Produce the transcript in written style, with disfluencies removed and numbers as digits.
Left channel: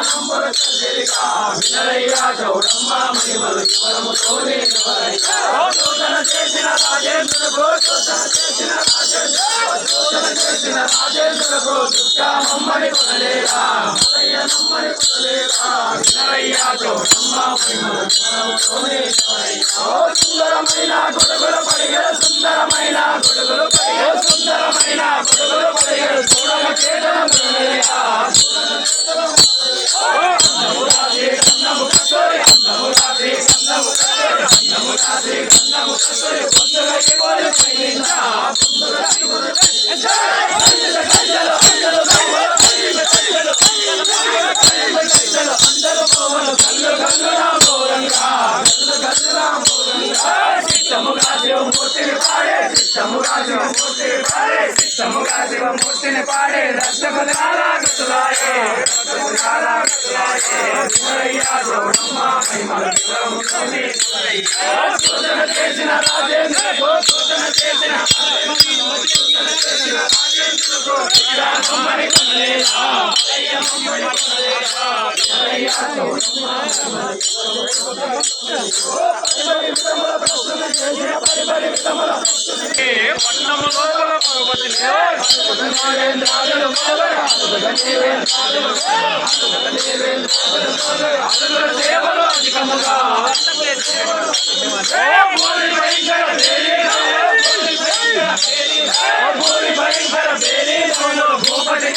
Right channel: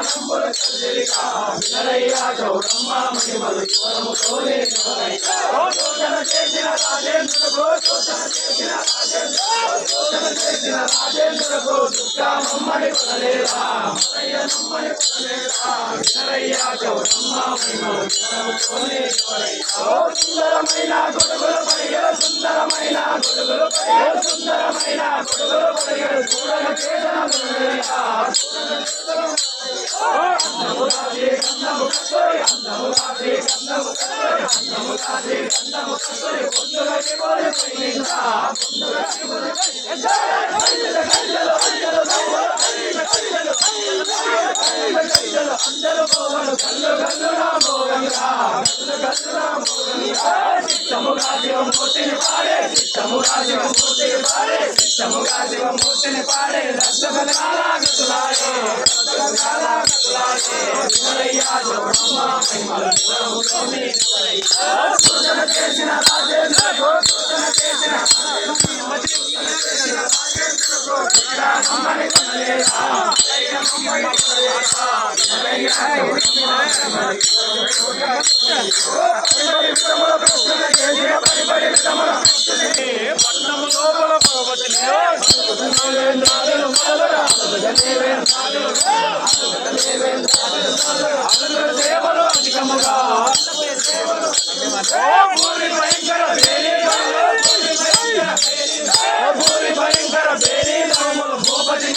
నంబుల చంద్రిక వినరయ్యా చౌడమ్మ మహిమలు యువరముతోనే శోధన చేసిన రాజేంద్రులకు శోధన చేసిన రాజేంద్రులకు దుర్గామమ్మని కొనలేరా మలయ్య నమ్మని కొనలేరా వినరయ్యా చౌడమ్మ మహిమలు యువరముతోనే సుందరమైన గొడుగుల పడిగల సుందరమైన గొడుగులు పడిగల సుందరమైన గొడుగులు పడిగల చూడన చేతన అందరూ పోవలు కళ్ళు సిద్ధముగా శివమూర్తిని పాడే సిద్ధముగా శివమూర్తిని పాడే సిద్ధముగా శివమూర్తిని పాడే రక్తపదాల గతులాయే శోధన చేసిన రాజేంద్రకు శోధన చేసిన రాజేంద్రమ్మని కొనలేదా సేవలు అధికముగా భూమి భయంకర భూపతి